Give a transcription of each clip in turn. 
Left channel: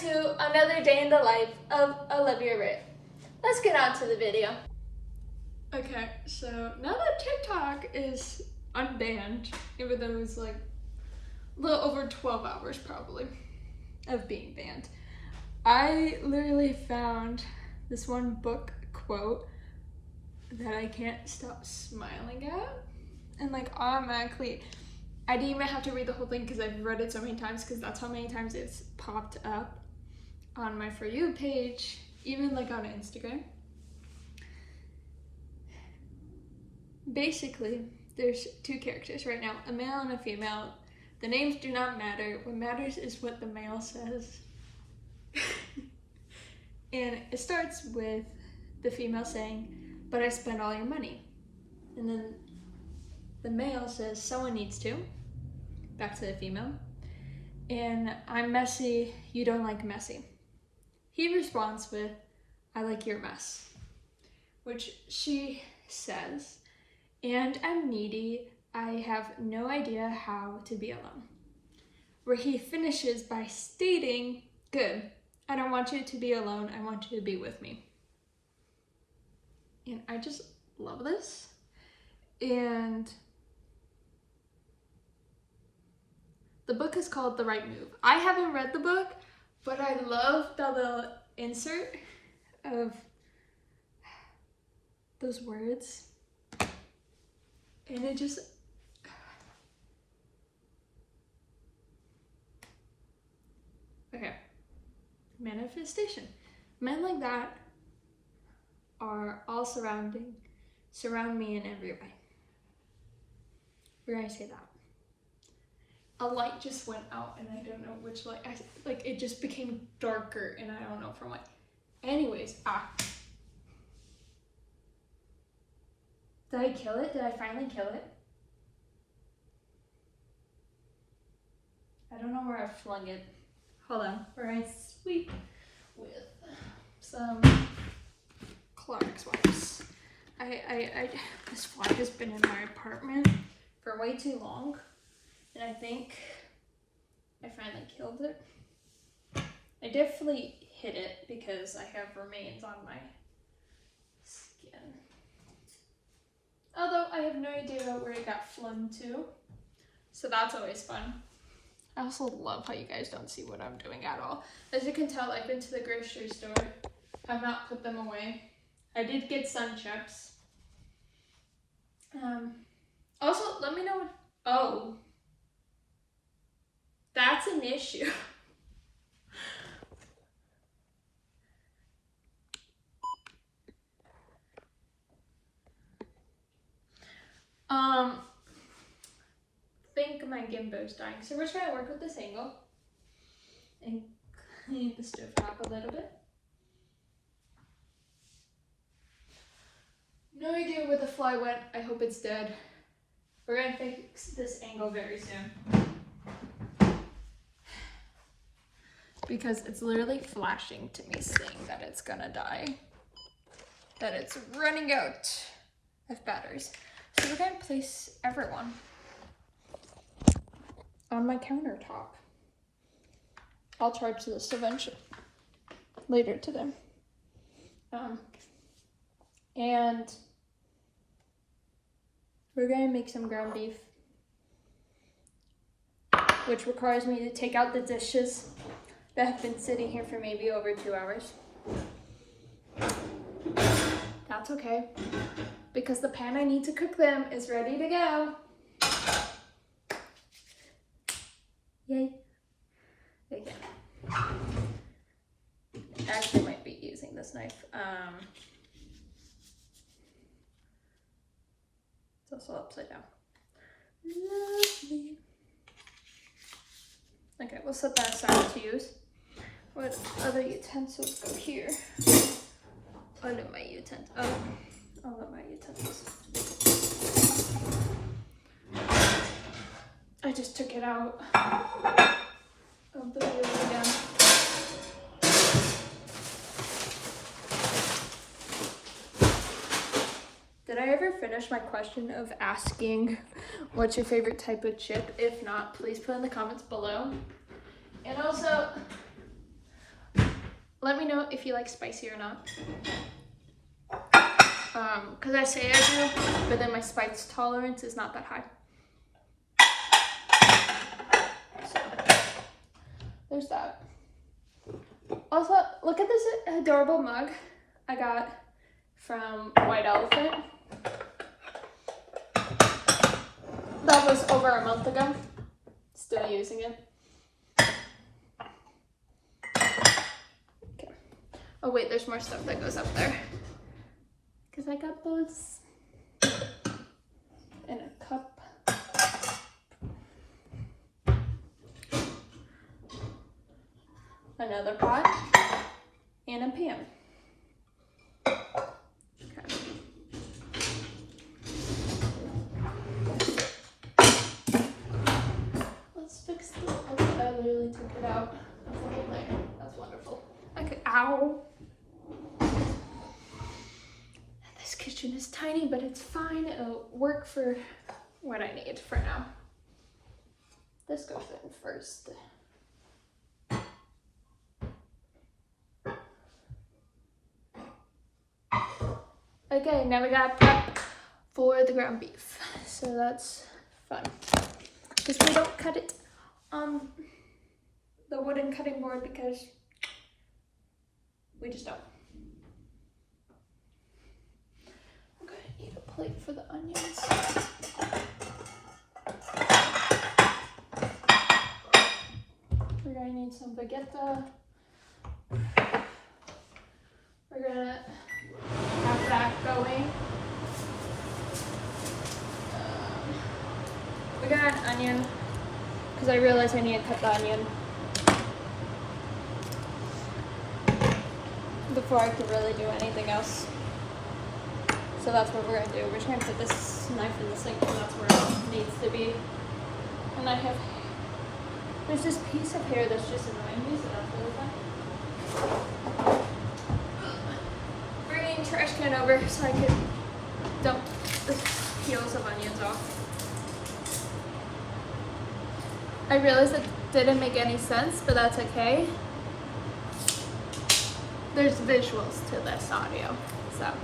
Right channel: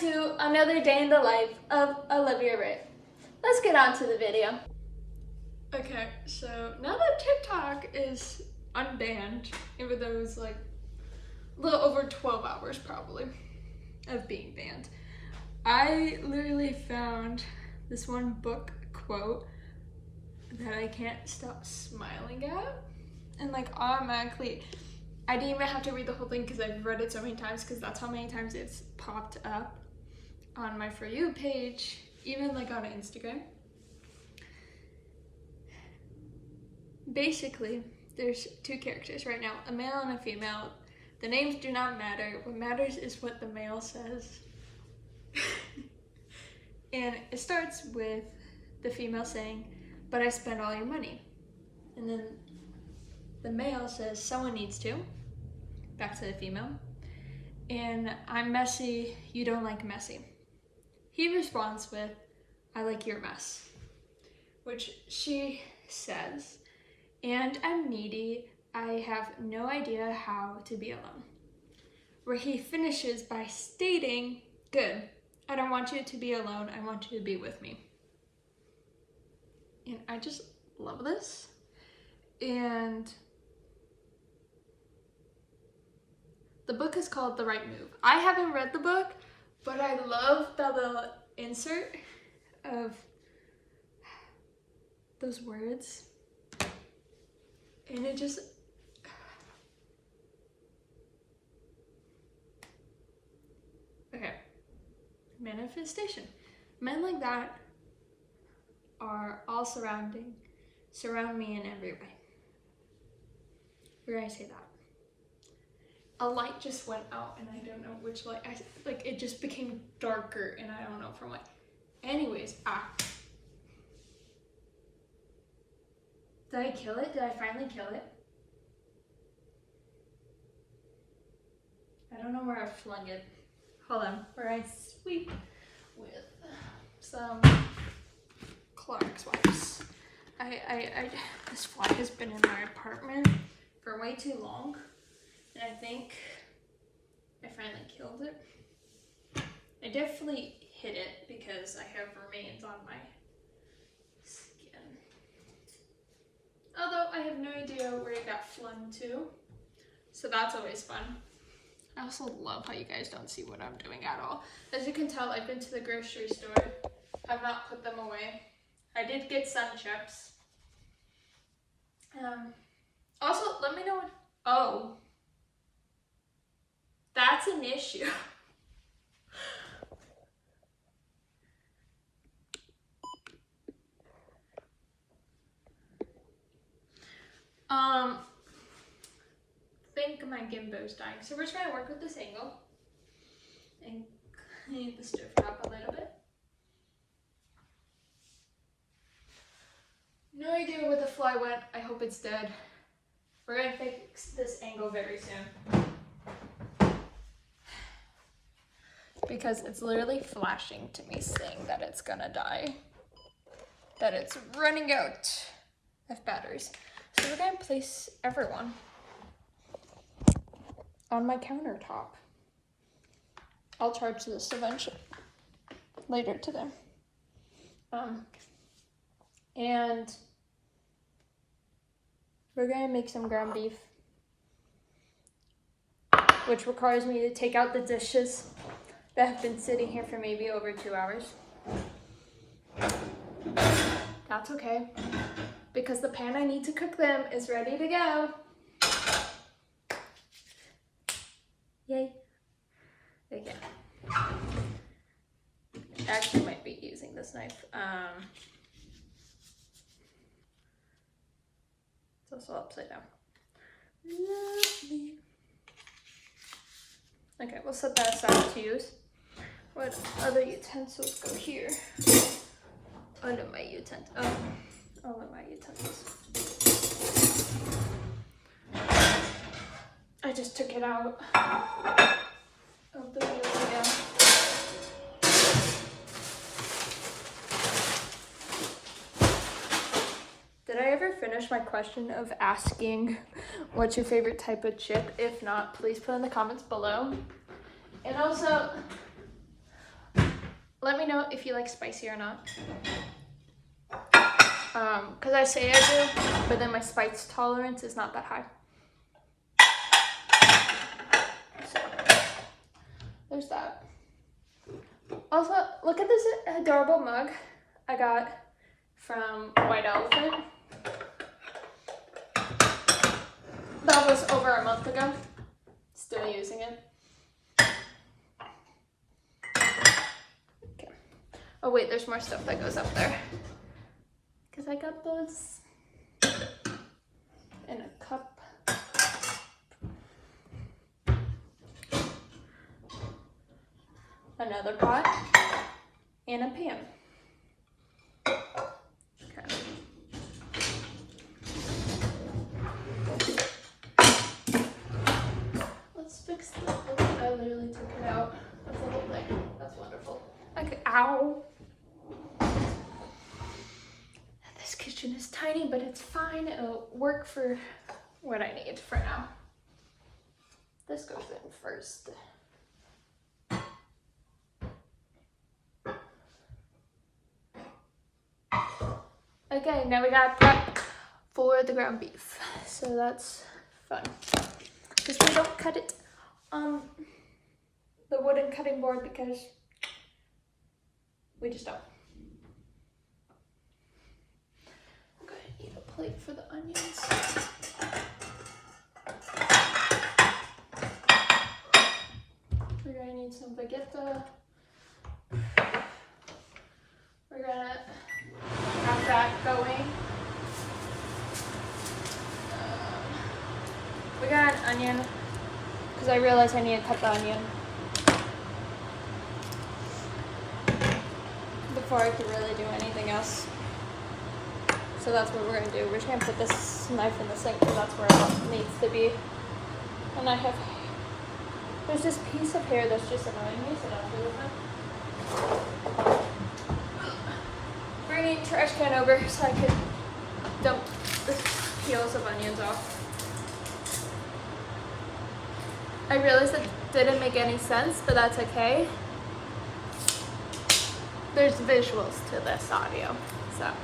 to another day in the life of Olivia Ray. Let's get on to the video. Okay, so now that TikTok is unbanned, even though it's like a little over 12 hours probably of being banned, I literally found this one book quote that I can't stop smiling at, and like automatically, I didn't even have to read the whole thing because I've read it so many times, because that's how many times it's popped up on my For You page, even like on Instagram. Basically, there's two characters right now, a male and a female. The names do not matter. What matters is what the male says. And it starts with the female saying, "But I spent all your money." And then the male says, "Someone needs to." Back to the female. "And I'm messy, you don't like messy." He responds with, "I like your mess." Which she says, "And I'm needy, I have no idea how to be alone." Where he finishes by stating, "Good, I don't want you to be alone, I want you to be with me." And I just love this. And the book is called The Right Move. I haven't read the book, but I love that little insert of those words. And it just, okay, manifestation. Men like that are all surround me in every way. Where I say that, a light just went out and I don't know which light. Like it just became darker and I don't know from what. Anyways, did I kill it? Did I finally kill it? I don't know where I flung it. Hold on, where I sweep with some Clorox wipes. This fly has been in my apartment for way too long, and I think I finally killed it. I definitely hit it because I have remains on my skin. Although I have no idea where it got flung to, so that's always fun. I also love how you guys don't see what I'm doing at all. As you can tell, I've been to the grocery store. I've not put them away. I did get sun chips. Also, let me know. Oh, that's an issue. Think my gimbo's dying. So we're trying to work with this angle and clean the stove top a little bit. No idea where the fly went. I hope it's dead. We're gonna fix this angle very soon, because it's literally flashing to me saying that it's gonna die, that it's running out of batteries. So we're gonna place everyone on my countertop. I'll charge this eventually, later today. And we're gonna make some ground beef, which requires me to take out the dishes that have been sitting here for maybe over 2 hours. That's okay, because the pan I need to cook them is ready to go. Yay. Okay. Actually might be using this knife. It's also upside down. Lovely. Okay, we'll set that aside to use. What other utensils go here? All of my utensils. All of my utensils. I just took it out of the video. Did I ever finish my question of asking what's your favorite type of chip? If not, please put in the comments below. And also, Let me know if you like spicy or not. Because I say I do, but then my spice tolerance is not that high. So, there's that. Also, look at this adorable mug I got from White Elephant. That was over a month ago. Still using it. Okay. Oh wait, there's more stuff that goes up there. Because I got those in a cup. Another pot and a pan. Okay. Let's fix this. Okay, I literally took it out of the whole thing. That's wonderful. Okay, ow. This kitchen is tiny, but it's fine. It'll work for what I need for now. This goes in first. Okay, now we gotta prep for the ground beef. So that's fun. Because we don't cut it on the wooden cutting board because we just don't. I'm gonna need a plate for the onions. We're gonna need some Vegeta. We're gonna have that going. We got an onion because I realized I need to cut the onion before I can really do anything else. So that's what we're gonna do. We're just gonna put this knife in the sink because that's where it needs to be. And I have, there's this piece of hair that's just annoying me, so that's over. Trash can over so I could dump the peels of onions off. I realized that didn't make any sense, but that's okay. There's visuals to this audio, so.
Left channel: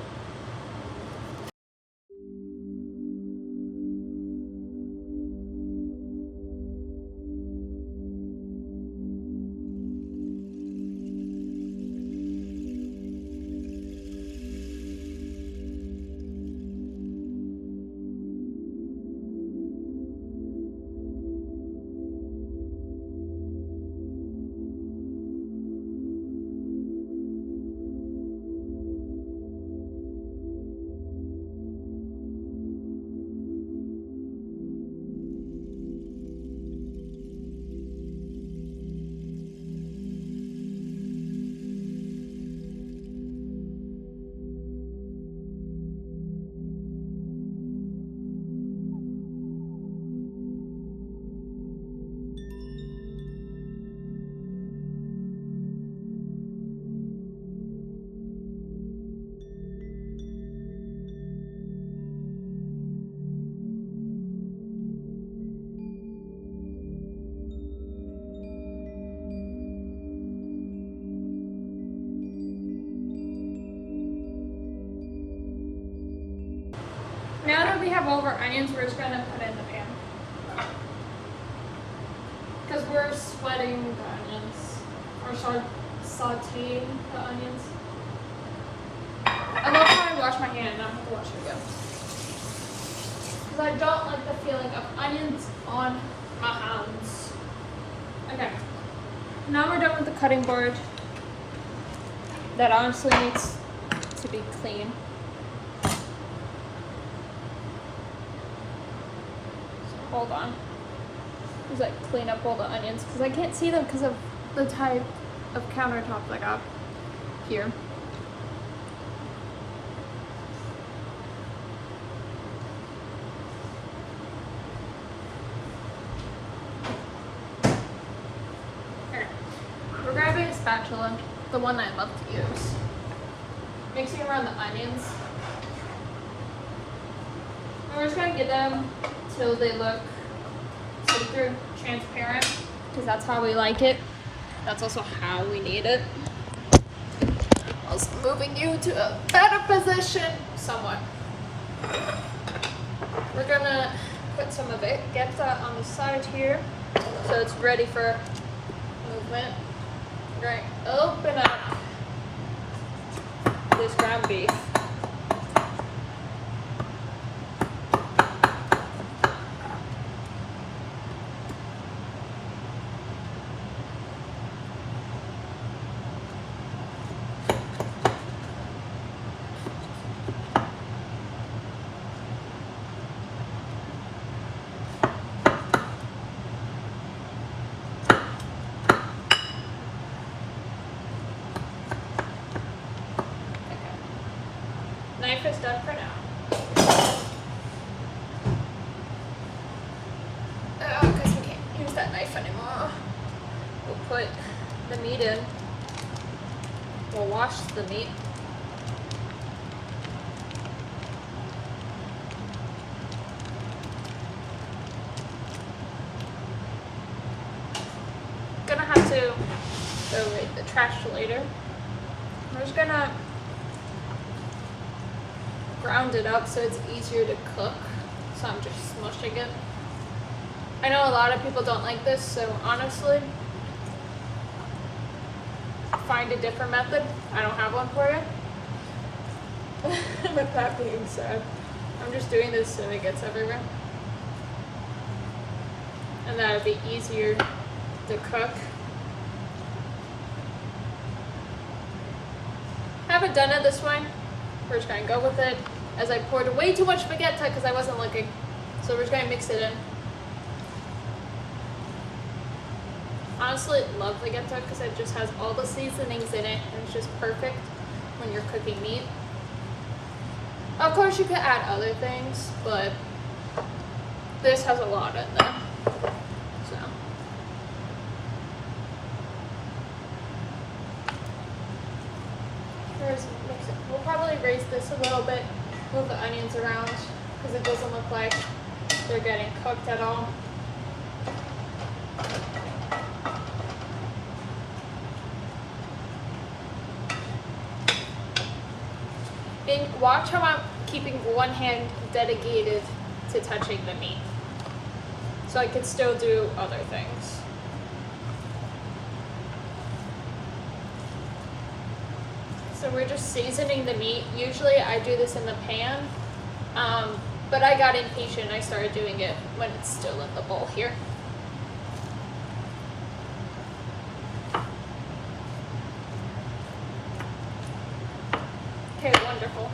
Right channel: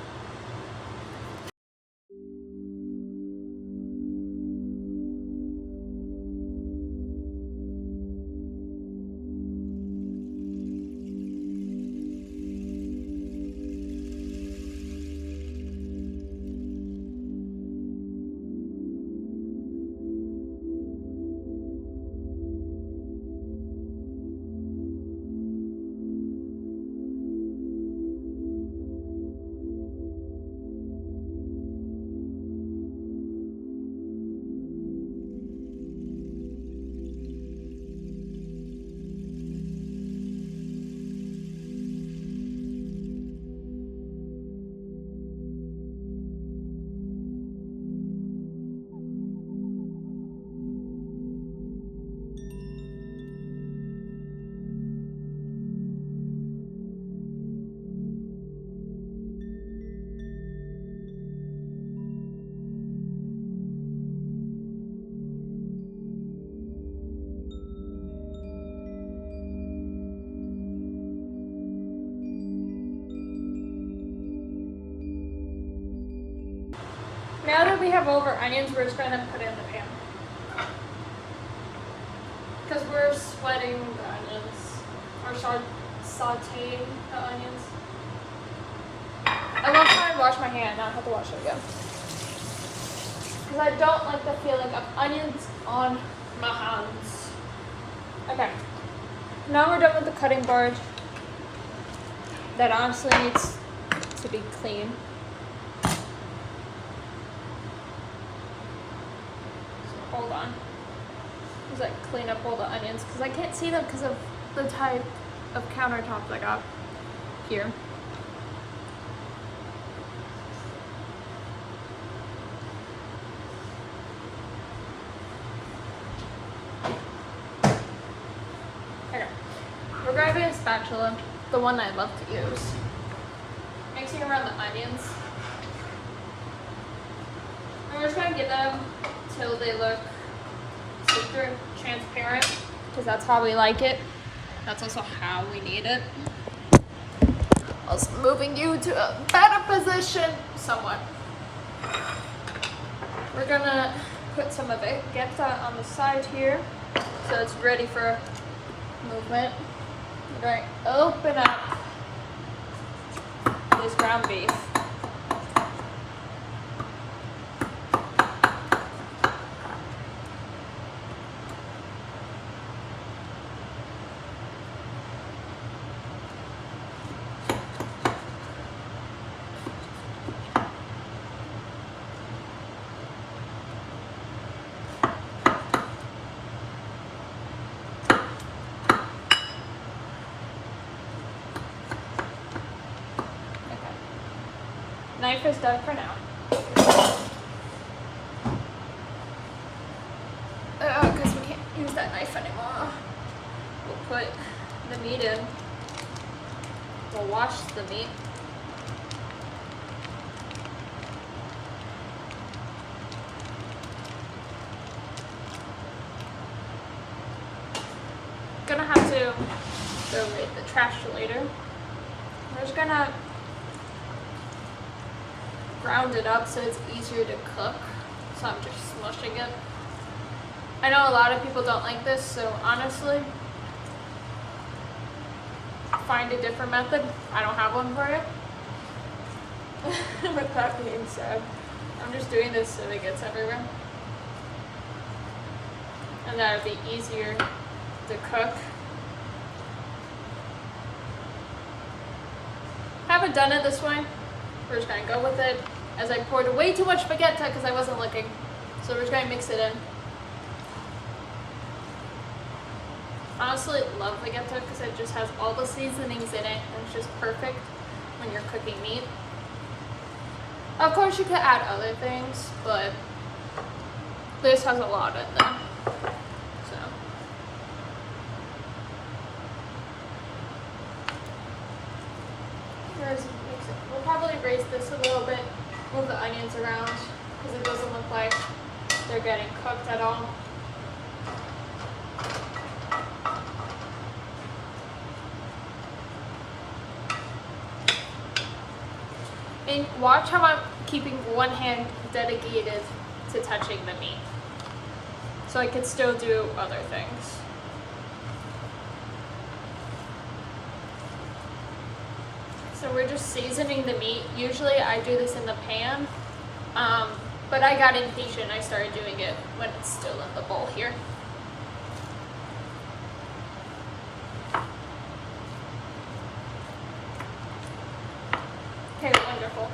Now that we have all of our onions, we're just gonna put it in the pan. Because we're sweating the onions, or sauteing the onions. I love how I wash my hand and I don't have to wash it again. Because I don't like the feeling of onions on my hands. Okay, now we're done with the cutting board. That honestly needs to be clean. Hold on. Just like clean up all the onions because I can't see them because of the type of countertops I got here. Okay. We're grabbing a spatula, the one I love to use. Mixing around the onions. And we're just gonna get them till they look see-through, transparent, because that's how we like it. That's also how we need it. Also moving you to a better position, somewhat. We're gonna put some of it, get that on the side here, so it's ready for movement. We're going to open up this ground beef. Knife is done for now. Because we can't use that knife anymore. We'll put the meat in. We'll wash the meat. Gonna have to throw away the trash later. We're just gonna ground it up so it's easier to cook. So I'm just smushing it. I know a lot of people don't like this, so honestly, find a different method. I don't have one for you. With that being said, I'm just doing this so it gets everywhere. And that would be easier to cook. Haven't done it this way. We're just gonna go with it, as I poured way too much Vegeta because I wasn't looking. So we're just gonna mix it in. Honestly, love Vegeta because it just has all the seasonings in it and it's just perfect when you're cooking meat. Of course you could add other things, but this has a lot in there. So mix it. We'll probably raise this a little bit, move the onions around because it doesn't look like they're getting cooked at all. And watch how I'm keeping one hand dedicated to touching the meat, so I can still do other things. So we're just seasoning the meat. Usually I do this in the pan, but I got impatient. I started doing it when it's still in the bowl here. Okay, wonderful.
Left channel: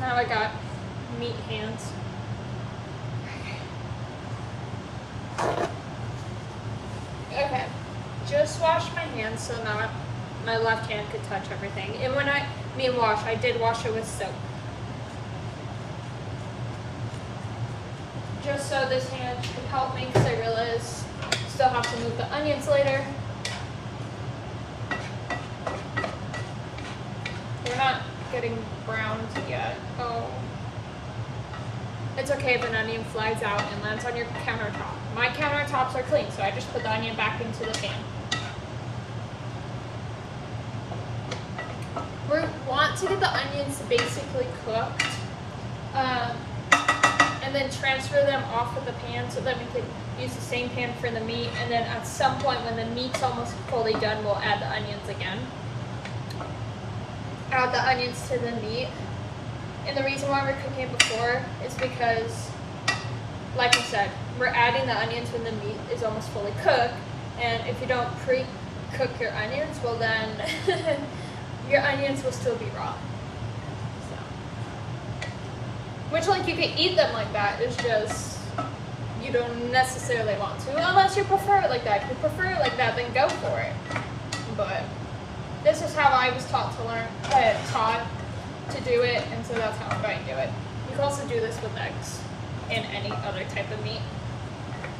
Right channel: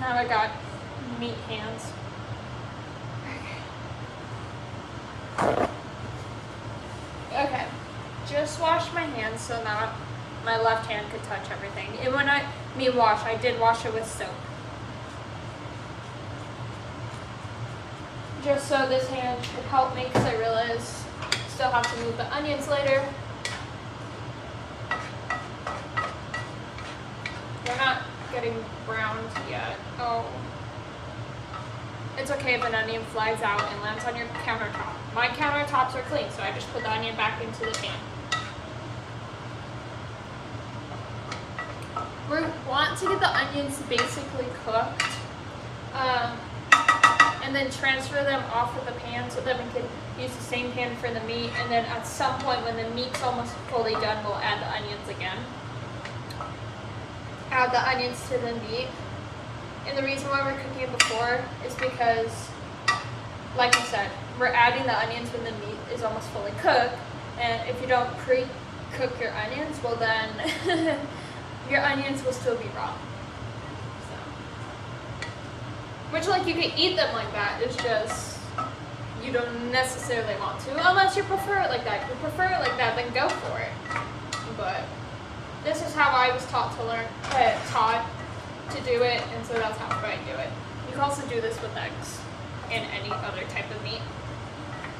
Now I got meat hands. Okay, just wash my hands so now my left hand could touch everything. And when I mean wash, I did wash it with soap. Just so this hand could help me because I realize I still have to move the onions later. They're not getting browned yet. Oh. It's okay if an onion flies out and lands on your countertop. My countertops are clean, so I just put the onion back into the pan. We want to get the onions basically cooked, and then transfer them off of the pan so that we can use the same pan for the meat, and then at some point when the meat's almost fully done, we'll add the onions again. Add the onions to the meat. And the reason why we're cooking it before is because, like I said, we're adding the onions when the meat is almost fully cooked. And if you don't pre-cook your onions, well then your onions will still be raw. So, which, like, you can eat them like that. It's just you don't necessarily want to, unless you prefer it like that. If you prefer it like that, then go for it. But this is how I was taught to do it, and so that's how I'm going to do it. You can also do this with eggs and any other type of meat.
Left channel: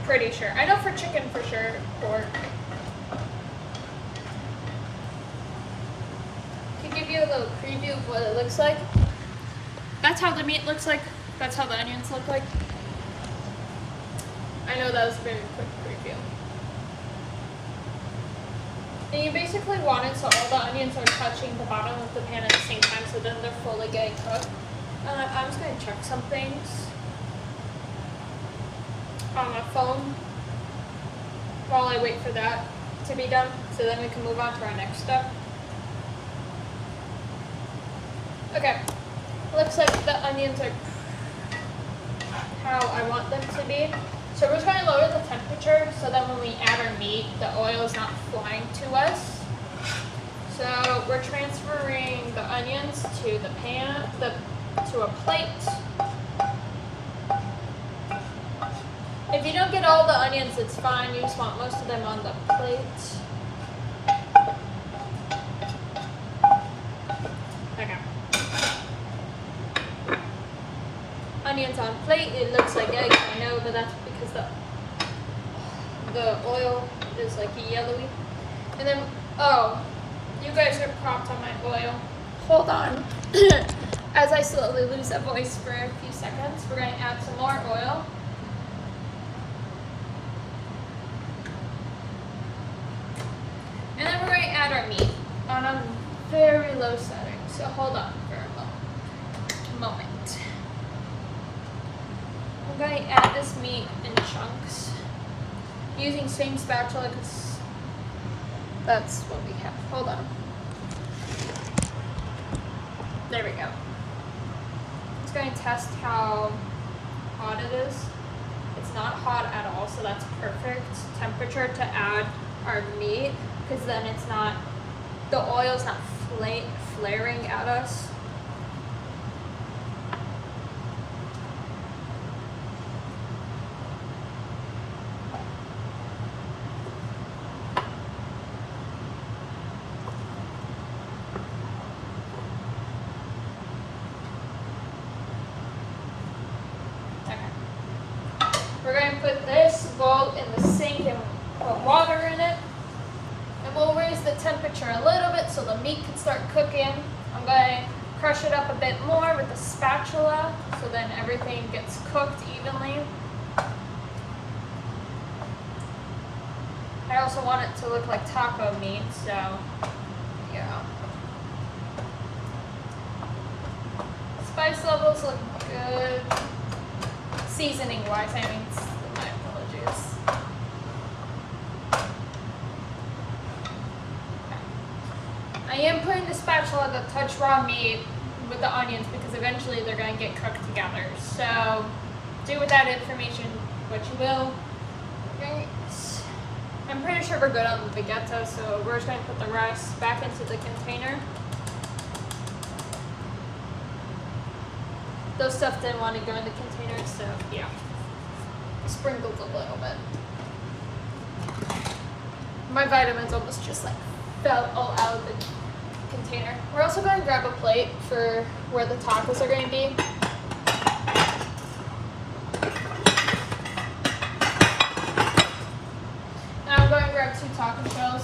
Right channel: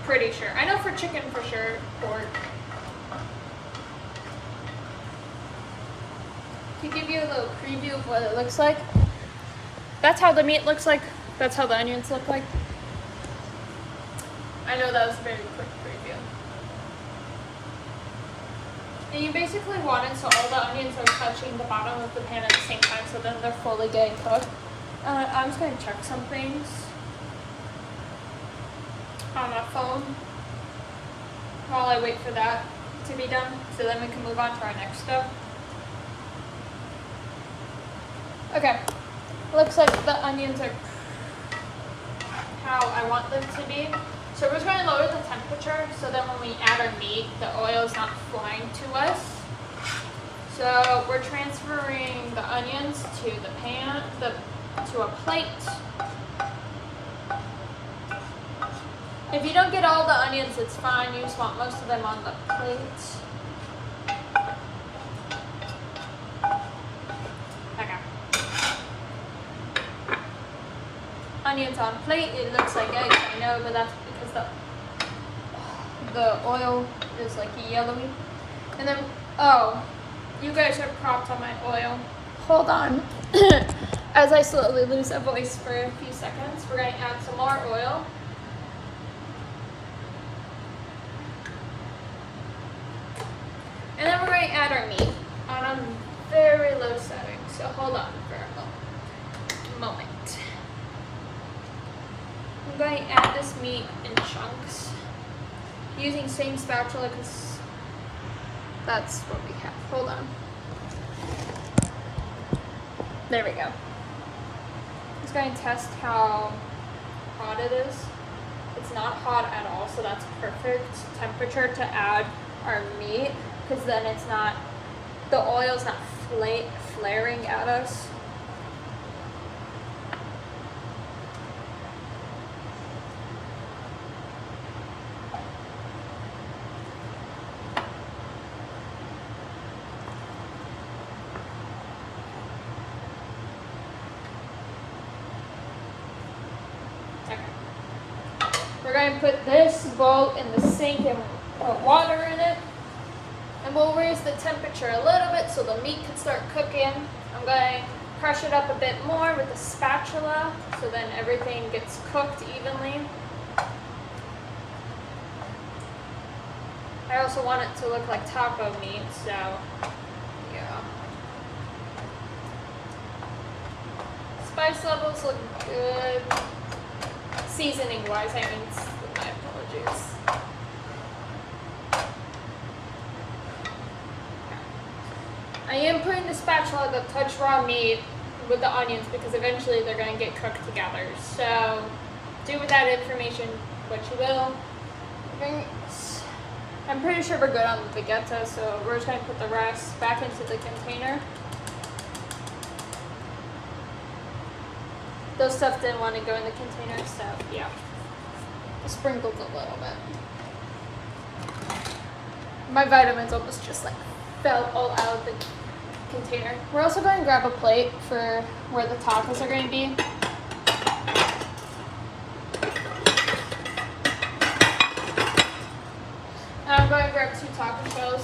Pretty sure. I know for chicken for sure, pork. To give you a little preview of what it looks like. That's how the meat looks like. That's how the onions look like. I know that was a very quick preview. And you basically want it so all the onions are touching the bottom of the pan at the same time, so then they're fully getting cooked. I'm just going to check some things on my phone while I wait for that to be done, so then we can move on to our next step. Okay, looks like the onions are how I want them to be. So we're just going to lower the temperature so that when we add our meat, the oil is not flying to us. So we're transferring the onions to the pan, to a plate. If you don't get all the onions, it's fine. You just want most of them on the plate. Okay. Onions on plate. It looks like eggs, I know, but that's because the oil is like yellowy. And then, oh, you guys are propped on my oil. Hold on. As I slowly lose a voice for a few seconds, we're going to add some more oil. And then we're going to add our meat on a very low setting. So hold on for a moment. I'm going to add this meat in chunks using same spatula because that's what we have. Hold on. There we go. Just going to test how hot it is. It's not hot at all, so that's perfect temperature to add our meat, because then it's not, the oil's not flaring at us. We're going to put this bowl in the sink and put water in it. And we'll raise the temperature a little bit so the meat can start cooking. I'm going to crush it up a bit more with the spatula so then everything gets cooked evenly. I also want it to look like taco meat, so yeah. Spice levels look good. Seasoning wise, I mean, my apologies. I am putting the spatula to touch raw meat with the onions because eventually they're going to get cooked together. So do with that information what you will. Okay. I'm pretty sure we're good on the Vegeta, so we're just going to put the rest back into the container. Those stuff didn't want to go in the container, so yeah. Sprinkled a little bit. My vitamins almost just like fell all out of the container. We're also going to grab a plate for where the tacos are going to be. And I'm going to grab 2 taco shells.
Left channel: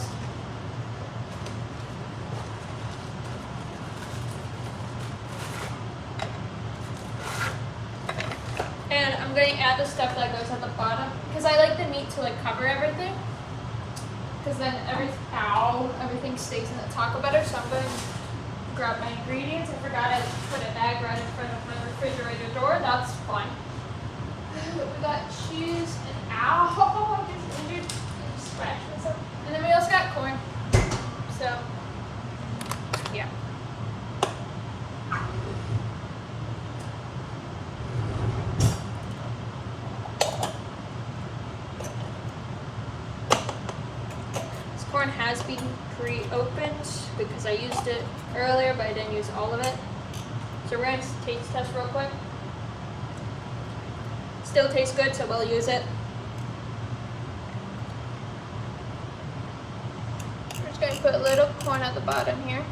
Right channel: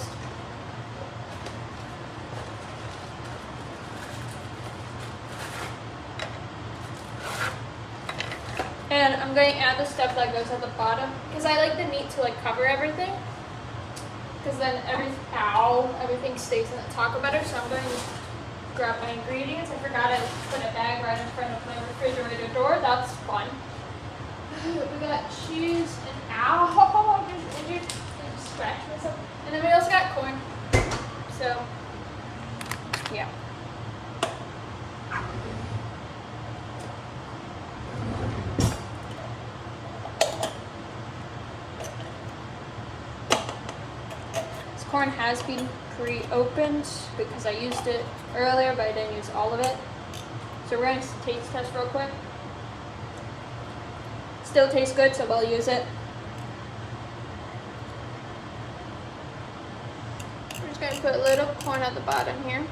And I'm going to add the stuff that goes on the bottom because I like the meat to like cover everything. Because then everything stays in the taco better. So I'm going to grab my ingredients. I forgot I put a bag right in front of my refrigerator door. That's fun. We got cheese and ow, just injured and scratched myself. And then we also got corn. So yeah. Corn has been pre-opened because I used it earlier, but I didn't use all of it. So we're going to taste test real quick. Still tastes good, so we'll use it. We're just going to put a little corn at the bottom here.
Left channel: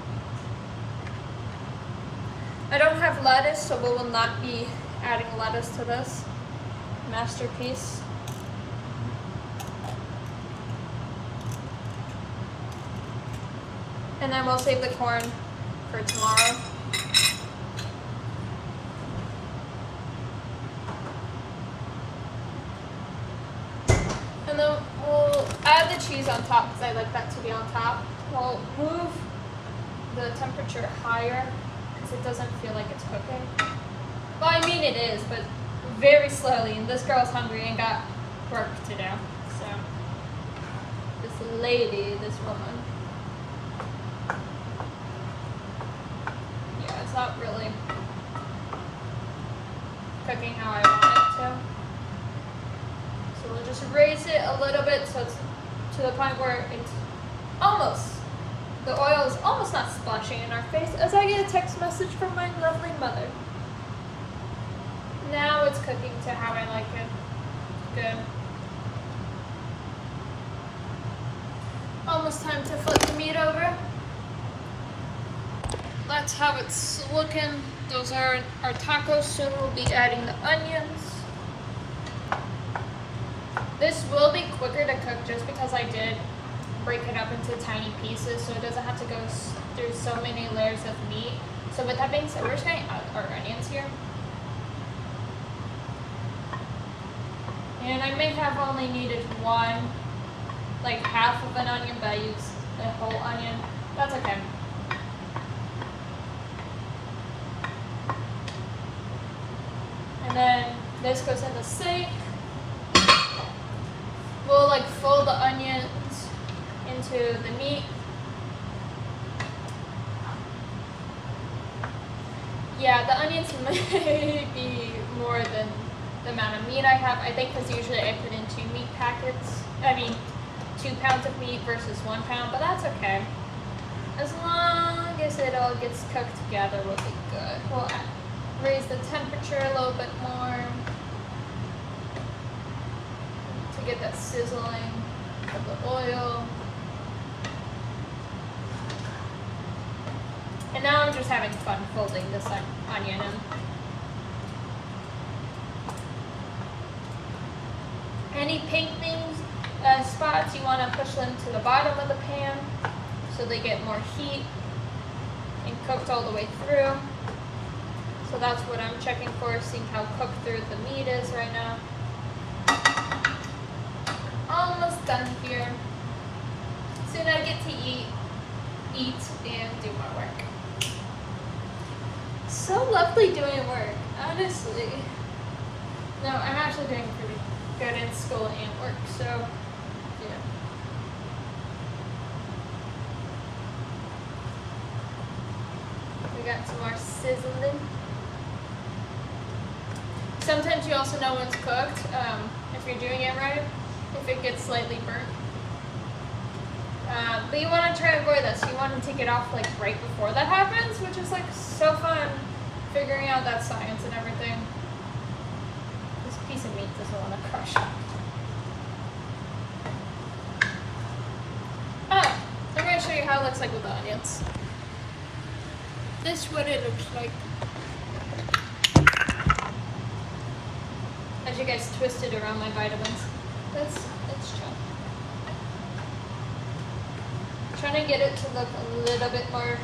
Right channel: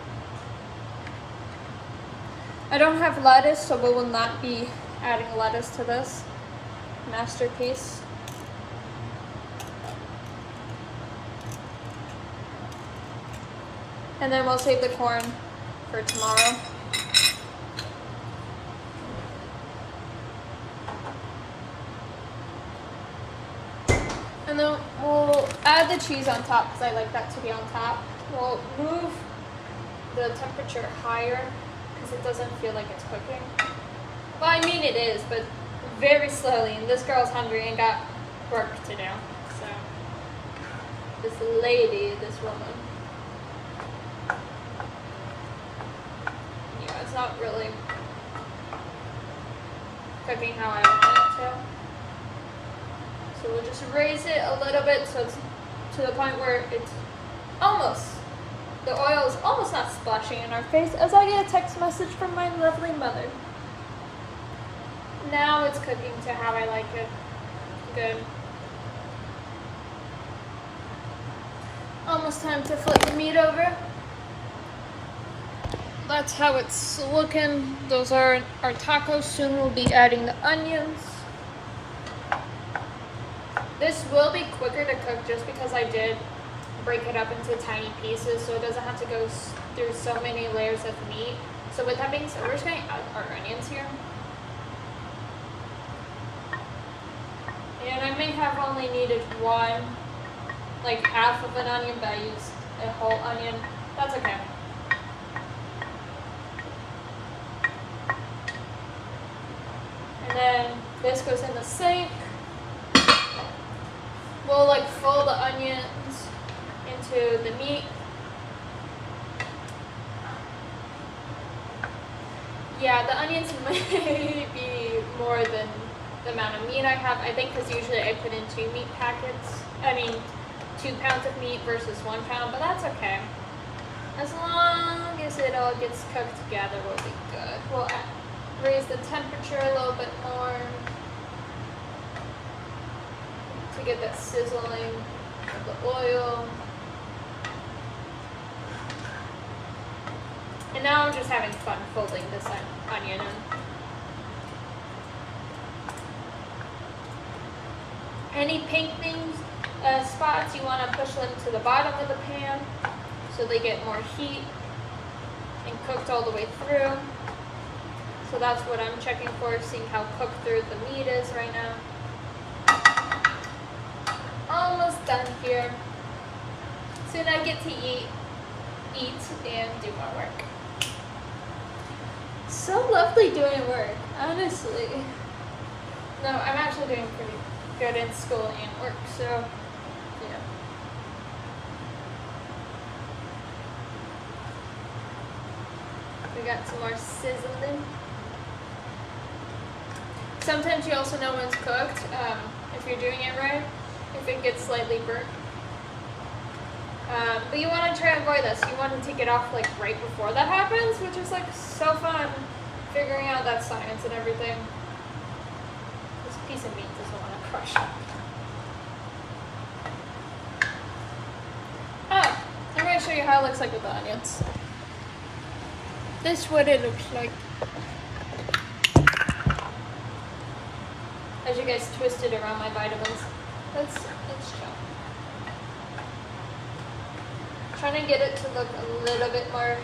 I don't have lettuce, so we will not be adding lettuce to this masterpiece. And then we'll save the corn for tomorrow. And then we'll add the cheese on top because I like that to be on top. We'll move the temperature higher because it doesn't feel like it's cooking. Well, I mean it is, but very slowly. And this girl's hungry and got work to do. So, this lady, this woman. Yeah, it's not really cooking how I want it to. So we'll just raise it a little bit so it's to the point where it's almost, the oil is almost not splashing in our face as I get a text message from my lovely mother. Now it's cooking to how I like it. Good. Almost time to flip the meat over. That's how it's looking. Those are our tacos. Soon we'll be adding the onions. This will be quicker to cook just because I did break it up into tiny pieces so it doesn't have to go through so many layers of meat. So with that being said, we're just going to add our onions here. And I may have only needed one, like half of an onion, but I used a whole onion. That's okay. And then this goes in the sink. We'll like fold the onions into the meat. Yeah, the onions may be more than the amount of meat I have. I think because usually I put in 2 meat packets. I mean, 2 pounds of meat versus 1 pound, but that's okay. As long as it all gets cooked together, we'll be good. We'll raise the temperature a little bit more to get that sizzling of the oil. And now I'm just having fun folding this onion in. Any pink things, spots, you want to push them to the bottom of the pan so they get more heat and cooked all the way through. So that's what I'm checking for, seeing how cooked through the meat is right now. Almost done here. Soon I get to eat and do my work. So lovely doing work, honestly. No, I'm actually doing pretty good in school and work, so yeah. We got some more sizzling. Sometimes you also know when it's cooked, if you're doing it right, if it gets slightly burnt. But you want to try to avoid this. You want to take it off like right before that happens, which is like so fun figuring out that science and everything. This piece of meat doesn't want to crush. Oh, I'm going to show you how it looks like with the onions. This is what it looks like. As you guys twist it around my vitamins. Let's chill. Trying to get it to look a little bit more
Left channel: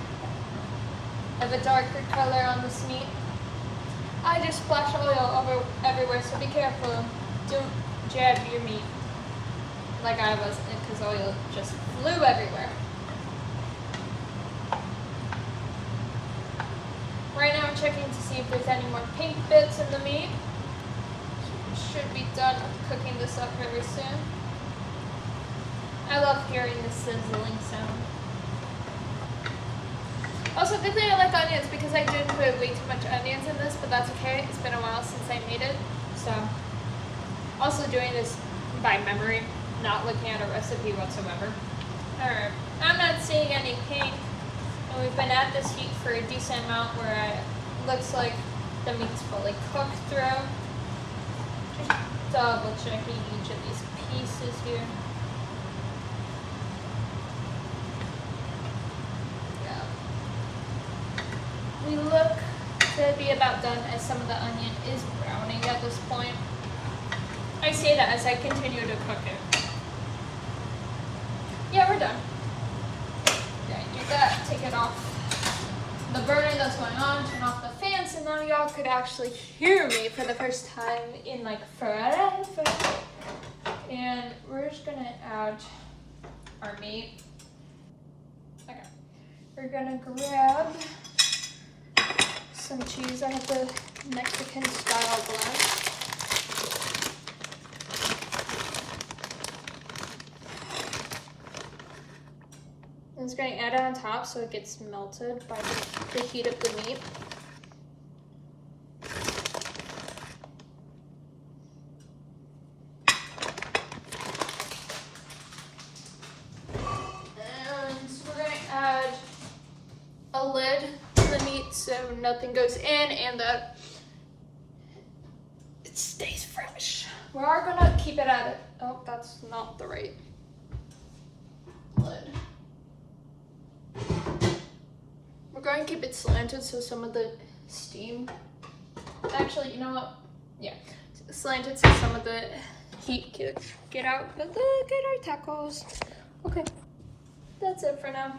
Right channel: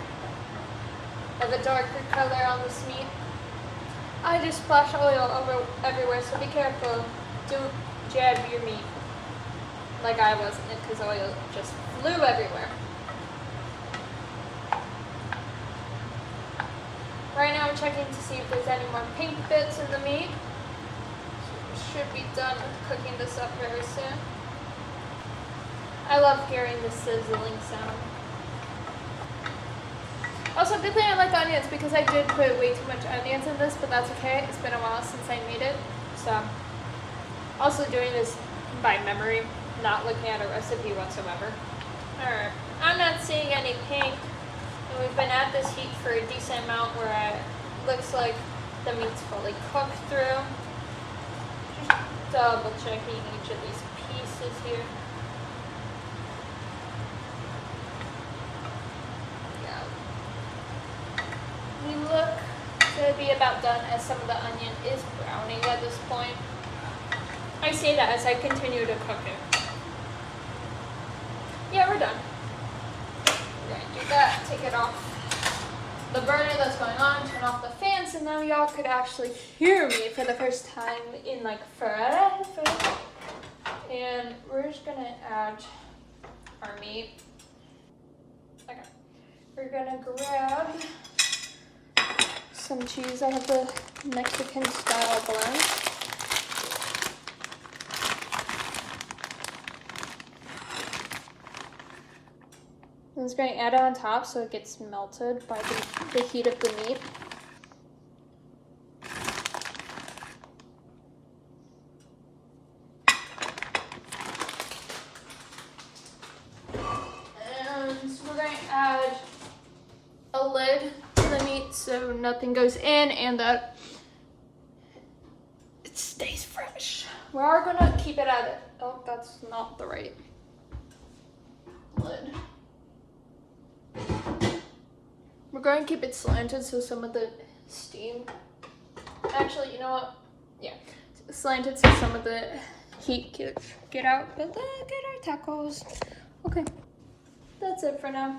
of a darker color on this meat. I just splash oil over everywhere, so be careful. Don't jab your meat like I was, because oil just flew everywhere. Right now I'm checking to see if there's any more pink bits in the meat. So we should be done with cooking this up very soon. I love hearing the sizzling sound. Also, good thing I like onions because I didn't put way too much onions in this, but that's okay. It's been a while since I made it. So I'm also doing this by memory, not looking at a recipe whatsoever. Alright, I'm not seeing any pink. And we've been at this heat for a decent amount where it looks like the meat's fully cooked through. Just double checking each of these pieces here. We look to be about done as some of the onion is browning at this point. I say that as I continue to cook it. Yeah, we're done. We're going to do that, take it off the burner that's going on, turn off the fans, and now y'all could actually hear me for the first time in like forever. And we're just gonna add our meat. Okay. We're gonna grab some cheese. I have the Mexican style blend. I'm just going to add it on top so it gets melted by the heat of the meat. And we're going to add a lid to the meat so nothing goes in and that it stays fresh. We are going to keep it at it. Oh, that's not the right lid. We're going to keep it slanted so some of the steam, actually, you know what? Yeah, slanted so some of the heat get out. But look at our tacos. Okay, that's it for now.